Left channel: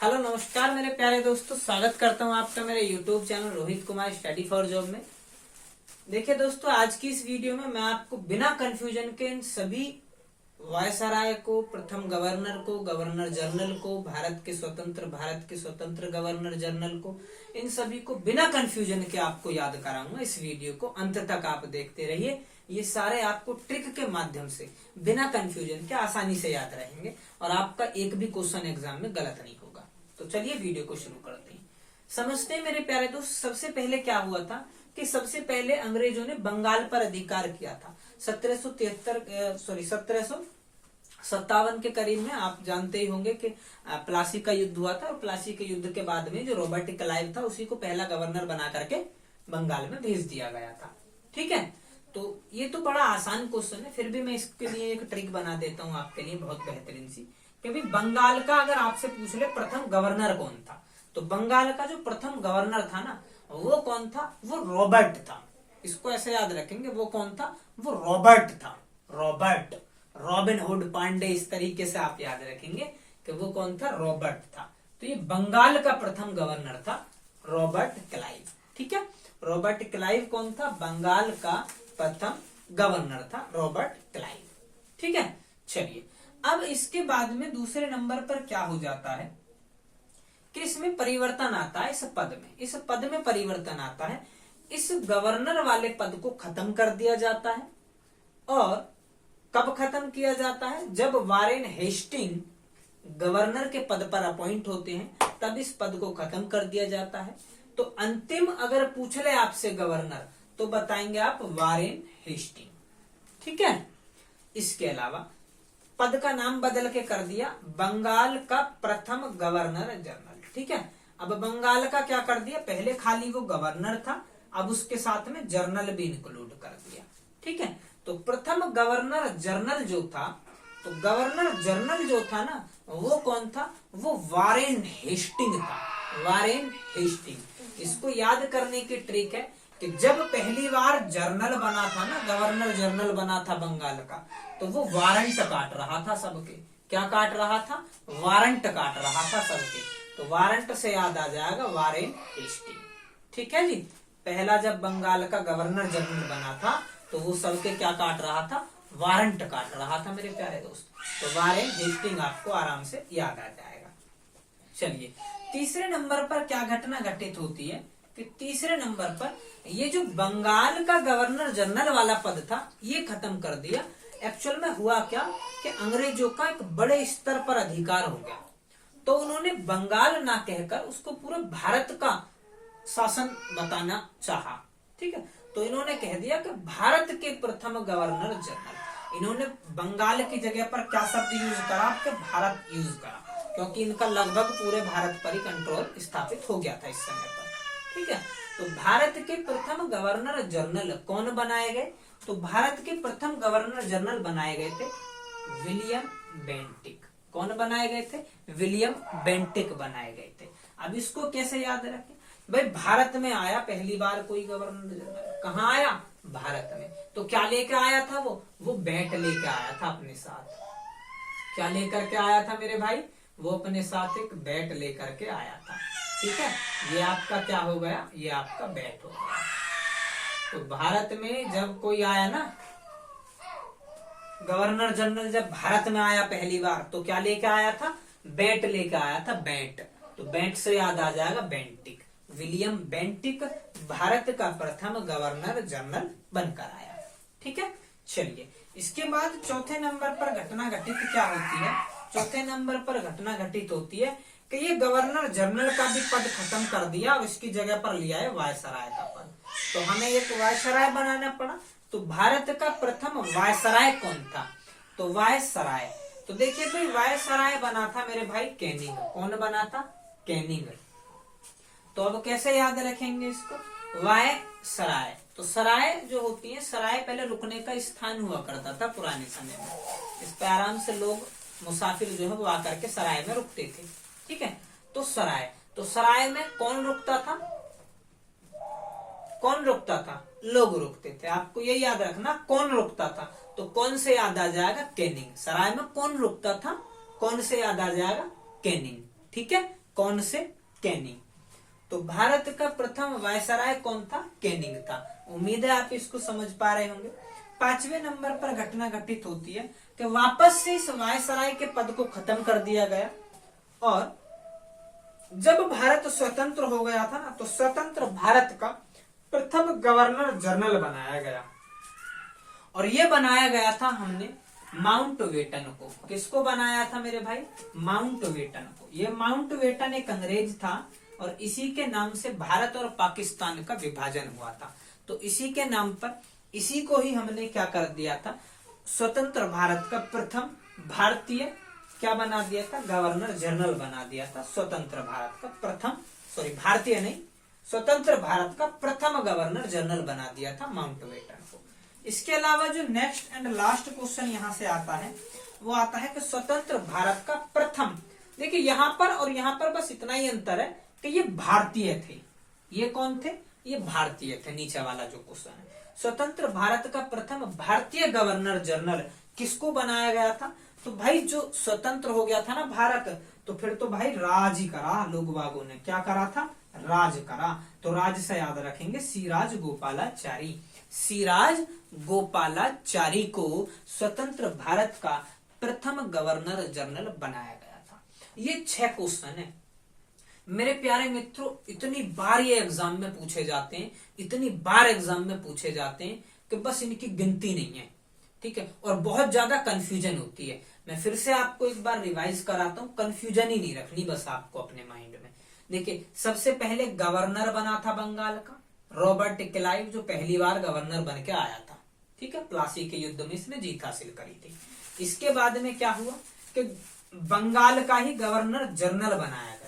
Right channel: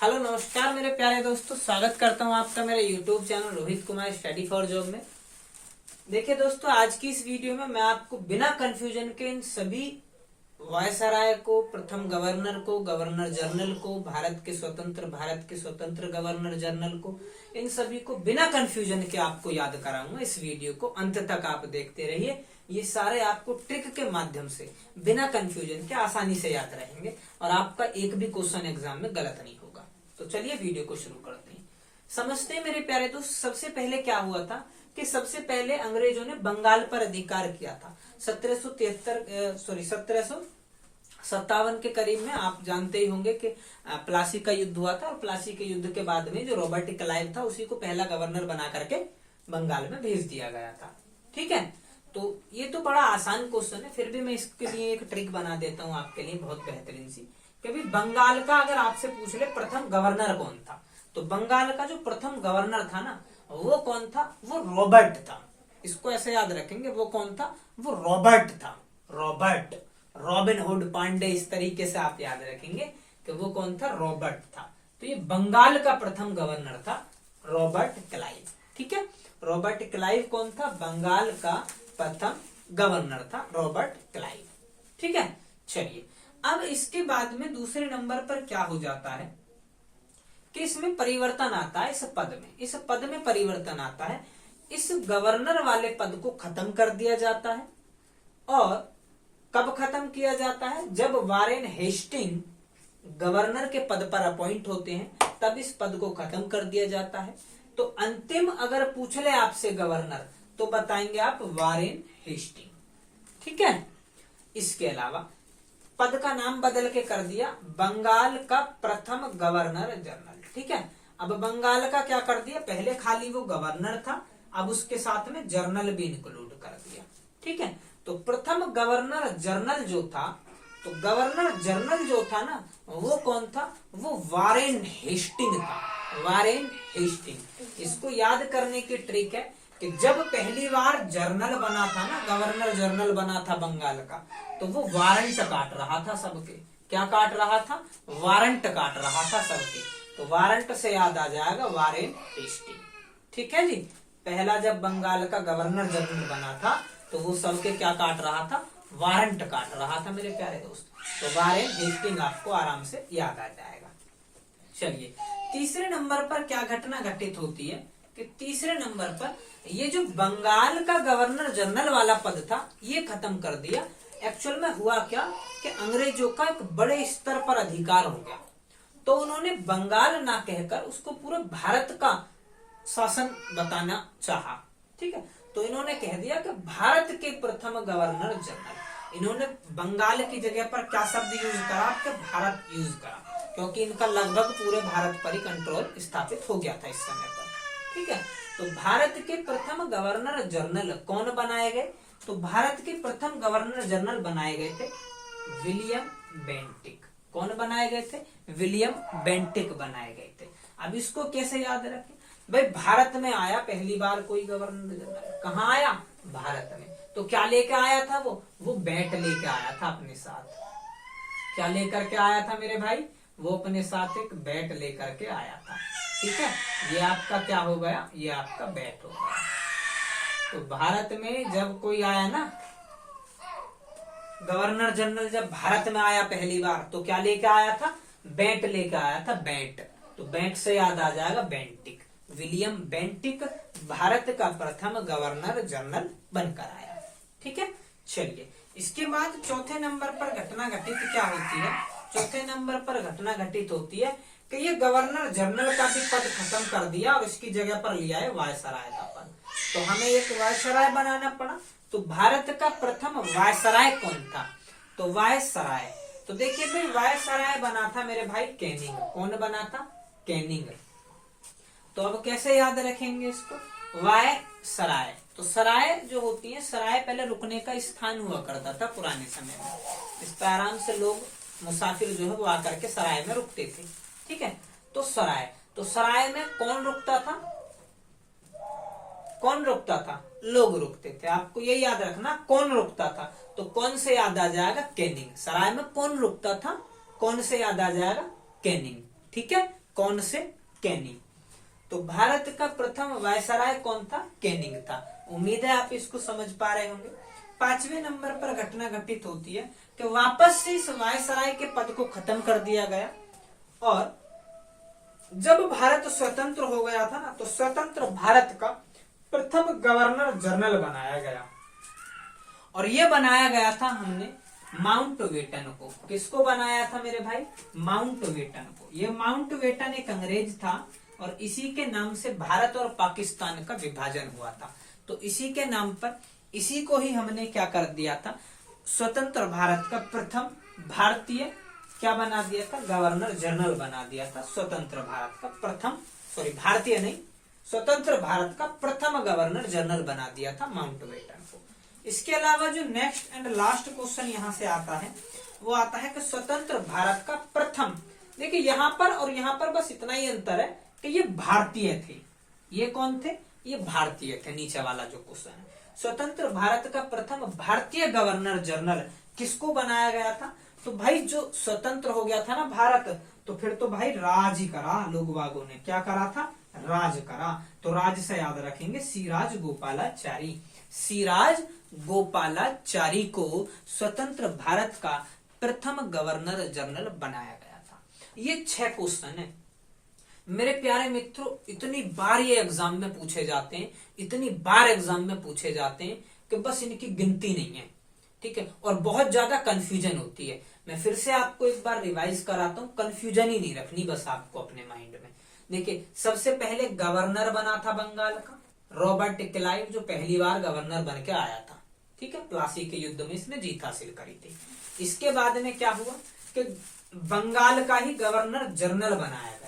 Hello नमस्कार मेरे प्यारे दोस्तों, स्वागत करता हूं आपका मेरे YouTube channel Rohit Kumar study for job में। देखिए दोस्तों, आज की इस वीडियो में मैं आपको बिना कंफ्यूजन के इन सभी वायसराय को, प्रथम गवर्नर को, गवर्नर जनरल को, भारत के स्वतंत्र गवर्नर जनरल को, इन सभी को बिना कंफ्यूजन के आपको याद कराऊंगा। इस वीडियो को अंत तक आप देखते रहिए। ये सारे आपको ट्रिक के माध्यम से बिना कंफ्यूजन के आसानी से याद रहेंगे और आपका एक भी क्वेश्चन एग्जाम में गलत नहीं होगा। तो चलिए वीडियो को शुरू करते हैं। समझते हैं मेरे प्यारे दोस्त, सबसे पहले क्या हुआ था कि सबसे पहले अंग्रेजों ने बंगाल पर अधिकार किया था 1757 के करीब में। आप जानते ही होंगे कि प्लासी का युद्ध हुआ था और प्लासी के युद्ध के बाद में जो रॉबर्ट क्लाइव था उसी को पहला गवर्नर बना करके बंगाल में भेज दिया गया था। ठीक है, तो ये तो बड़ा आसान क्वेश्चन है, फिर भी मैं इसके लिए एक ट्रिक बना देता हूँ आपके लिए, बहुत बेहतरीन सी। कि भाई बंगाल का अगर आपसे पूछ ले प्रथम गवर्नर कौन था, तो बंगाल का जो प्रथम गवर्नर था ना, वो कौन था? वो रॉबर्ट था। इसको ऐसे याद रखेंगे, वो कौन था? वो रॉबर्ट था। रॉबर्ट, रॉबिन हुड पांडे, इस तरीके से आप याद रखेंगे कि वो कौन था? रॉबर्ट था। तो ये बंगाल का प्रथम गवर्नर था रॉबर्ट क्लाइव। ठीक है, रॉबर्ट क्लाइव कौन था? बंगाल का प्रथम गवर्नर था रॉबर्ट क्लाइव। ठीक है, चलिए अब इसके बाद में दूसरे नंबर पर क्या हो जाता है कि इसमें परिवर्तन आता है। इस पद में परिवर्तन आता है। इस गवर्नर वाले पद को खत्म कर दिया जाता है। और कब खत्म किया जाता है? जब वारेन हेस्टिंग गवर्नर के पद पर अपॉइंट होते हैं, तब इस पद को खत्म कर दिया जाता है। तो अंतिम अगर पूछ ले आपसे गवर्नर, तो बताएंगे आप वारेन हेस्टिंग। ठीक है, इसके अलावा पद का नाम बदल के कर दिया बंगाल का प्रथम गवर्नर जनरल। ठीक है, अब बंगाल का क्या कर दिया? पहले खाली वो गवर्नर था, अब उसके साथ में जर्नल भी इंक्लूड कर दिया। ठीक है, तो प्रथम गवर्नर जनरल जो था, तो गवर्नर जनरल जो था ना, वो कौन था? वो वारेन हेस्टिंग था। Warren Hasting. इसको याद करने की ट्रिक है कि जब पहली बार जर्नल बना था ना, गवर्नर जनरल बना था बंगाल का, तो वो वारंट काट रहा था सबके। क्या काट रहा था? वारंट काट रहा था सबके। तो वारंट से याद आ जाएगा वारेन हेस्टिंग। ठीक है जी, पहला जब बंगाल का गवर्नर जनरल बना था तो वो सबके क्या काट रहा था? वारंट काट रहा था मेरे प्यारे दोस्त। तो वारेन हेस्टिंग आपको आराम से याद आ जाएगा। चलिए तीसरे नंबर पर क्या घटना घटित होती है कि तीसरे नंबर पर ये जो बंगाल का गवर्नर जनरल वाला पद था, ये खत्म कर दिया। एक्चुअल में हुआ क्या कि अंग्रेजों का एक बड़े स्तर पर अधिकार हो गया, तो उन्होंने बंगाल ना कहकर उसको पूरे भारत का शासन बताना चाहा। ठीक है, तो इन्होंने कह दिया कि भारत के प्रथम गवर्नर जनरल। इन्होंने बंगाल की जगह पर क्या शब्द यूज करा? कि भारत यूज करा, क्योंकि इनका लगभग पूरे भारत पर ही कंट्रोल स्थापित हो गया था इस समय पर। ठीक है, तो भारत के प्रथम गवर्नर जनरल कौन बनाए गए? तो भारत के प्रथम गवर्नर जनरल बनाए गए थे विलियम बेंटिक। कौन बनाए गए थे? विलियम बेंटिक बनाए गए थे। अब इसको कैसे याद रखें? भाई भारत में आया पहली बार कोई गवर्नर जनरल, कहाँ आया? भारत में। तो क्या लेके आया था? वो बैट लेके आया था अपने साथ। क्या लेकर के आया था मेरे भाई? वो अपने साथ एक बैट लेकर के आया था। ठीक है, ये आपका क्या हो गया? ये आपका बैट हो गया। तो भारत में जब कोई आया ना, गवर्नर जनरल जब भारत में आया पहली बार, तो क्या लेके आया था? बैट लेके आया था, बैट। तो बैट से याद आ जाएगा बेंटिक। विलियम बेंटिक भारत का प्रथम गवर्नर जनरल बनकर आया। ठीक है, चलिए इसके बाद चौथे नंबर पर घटना घटित क्या होती है? चौथे नंबर पर घटना घटित होती है कि ये गवर्नर जनरल का भी पद खत्म कर दिया और इसकी जगह पर लिया है वायसराय का पद। तो हमें एक वायसराय बनाना पड़ा। तो भारत का प्रथम वायसराय कौन था? तो वायसराय, तो देखिए भाई वायसराय बना था मेरे भाई कैनिंग। कौन बना था? कैनिंग। तो अब कैसे याद रखेंगे इसको? वायसराय, तो सराय जो होती है, सराय पहले रुकने का स्थान हुआ करता था पुराने समय में। इस पर आराम से लोग मुसाफिर जो है वो आकर के सराय में रुकते थे। ठीक है, तो सराय, तो सराय में कौन रुकता था? कौन रुकता था? लोग रुकते थे। आपको यही याद रखना, कौन रुकता था। तो कौन से याद आ जाएगा? कैनिंग। सराय में कौन रुकता था? कौन से याद आ जाएगा? कैनिंग। ठीक है, कौन से? कैनिंग। तो भारत का प्रथम वायसराय कौन था? कैनिंग था। उम्मीद है आप इसको समझ पा रहे होंगे। 5वें नंबर पर घटना घटित होती है कि वापस से इस वायसराय के पद को खत्म कर दिया गया, और जब भारत स्वतंत्र हो गया था ना, तो स्वतंत्र भारत का प्रथम गवर्नर जनरल बनाया गया, और ये बनाया गया था हमने माउंटबेटन को। किसको बनाया था मेरे भाई? माउंटबेटन को। ये माउंटबेटन एक अंग्रेज था, और इसी के नाम से भारत और पाकिस्तान का विभाजन हुआ था। तो इसी के नाम पर इसी को ही हमने क्या कर दिया था? स्वतंत्र भारत का प्रथम भारतीय क्या बना दिया था? गवर्नर जनरल बना दिया था। स्वतंत्र भारत का प्रथम, सॉरी भारतीय नहीं, स्वतंत्र भारत का प्रथम गवर्नर जनरल बना दिया था माउंटबेटन को। इसके अलावा जो नेक्स्ट एंड लास्ट क्वेश्चन यहाँ से आता है, वो आता है कि स्वतंत्र भारत का प्रथम, देखिए यहाँ पर और यहाँ पर बस इतना ही अंतर है कि ये भारतीय थे। ये कौन थे? ये भारतीय थे। नीचे वाला जो क्वेश्चन है, स्वतंत्र भारत का प्रथम भारतीय गवर्नर जनरल किसको बनाया गया था? तो भाई जो स्वतंत्र हो गया था ना भारत, तो फिर तो भाई राज ही करा, लोग बागों ने क्या करा था? राज करा। तो राज से याद रखेंगे सिराज गोपालाचारी। सिराज गोपालाचारी को स्वतंत्र भारत का प्रथम गवर्नर जनरल बनाया गया था। ये 6 क्वेश्चन है मेरे प्यारे मित्रों। इतनी बार ये एग्जाम में पूछे जाते हैं, इतनी बार एग्जाम में पूछे जाते हैं कि बस इनकी गिनती नहीं है, ठीक है। और बहुत ज्यादा कंफ्यूजन होती है। मैं फिर से आपको एक बार रिवाइज कराता हूँ, कंफ्यूजन ही नहीं रखनी बस आपको अपने माइंड में। देखिए, सबसे पहले गवर्नर बना था बंगाल का रॉबर्ट क्लाइव, जो पहली बार गवर्नर बन के आया था, ठीक है। प्लासी के युद्ध में इसने जीत हासिल करी थी। इसके बाद में क्या हुआ कि बंगाल का ही गवर्नर जनरल बनाया गया।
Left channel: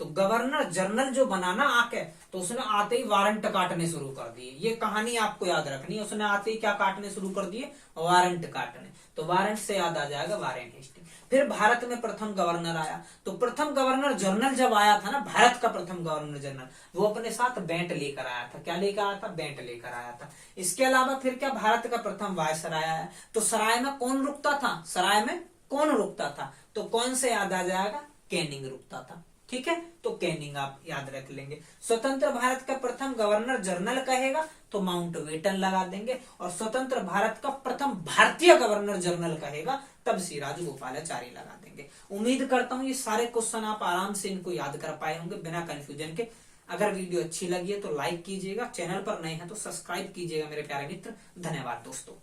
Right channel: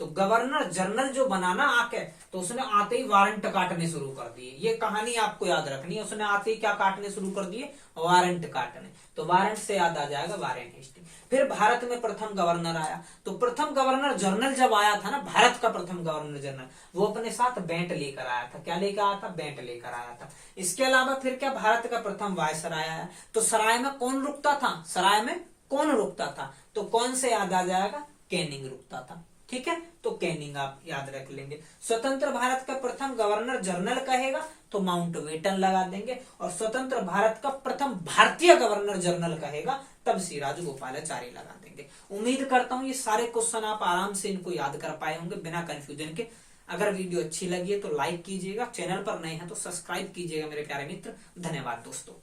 तो गवर्नर जनरल जो बनाना आके, तो उसने आते ही वारंट काटने शुरू कर दिए। ये कहानी आपको याद रखनी है। उसने आते ही क्या काटने शुरू कर दिए? वारंट काटने। तो वारंट से याद आ जाएगा वारेन हेस्टिंग। फिर भारत में प्रथम गवर्नर आया, तो प्रथम गवर्नर जनरल जब आया था ना, भारत का प्रथम गवर्नर जनरल, वो अपने साथ बैंट लेकर आया था। क्या लेकर आया था? बैंट लेकर आया था। इसके अलावा फिर क्या? भारत का प्रथम वायसराय आया। तो सराय में कौन रुकता था? सराय में कौन रुकता था? तो कौन से याद आ जाएगा? कैनिंग रुकता था, ठीक है। तो कैनिंग आप याद रख लेंगे। स्वतंत्र भारत का प्रथम गवर्नर जनरल कहेगा तो माउंटबेटन लगा देंगे, और स्वतंत्र भारत का प्रथम भारतीय गवर्नर जनरल कहेगा तब सिराज गोपालाचारी लगा देंगे। उम्मीद करता हूं ये सारे क्वेश्चन आप आराम से इनको याद कर पाए होंगे बिना कंफ्यूजन के। अगर वीडियो अच्छी लगी है तो लाइक कीजिएगा, चैनल पर नए हैं तो सब्सक्राइब कीजिएगा मेरे प्यारे मित्र। धन्यवाद दोस्तों।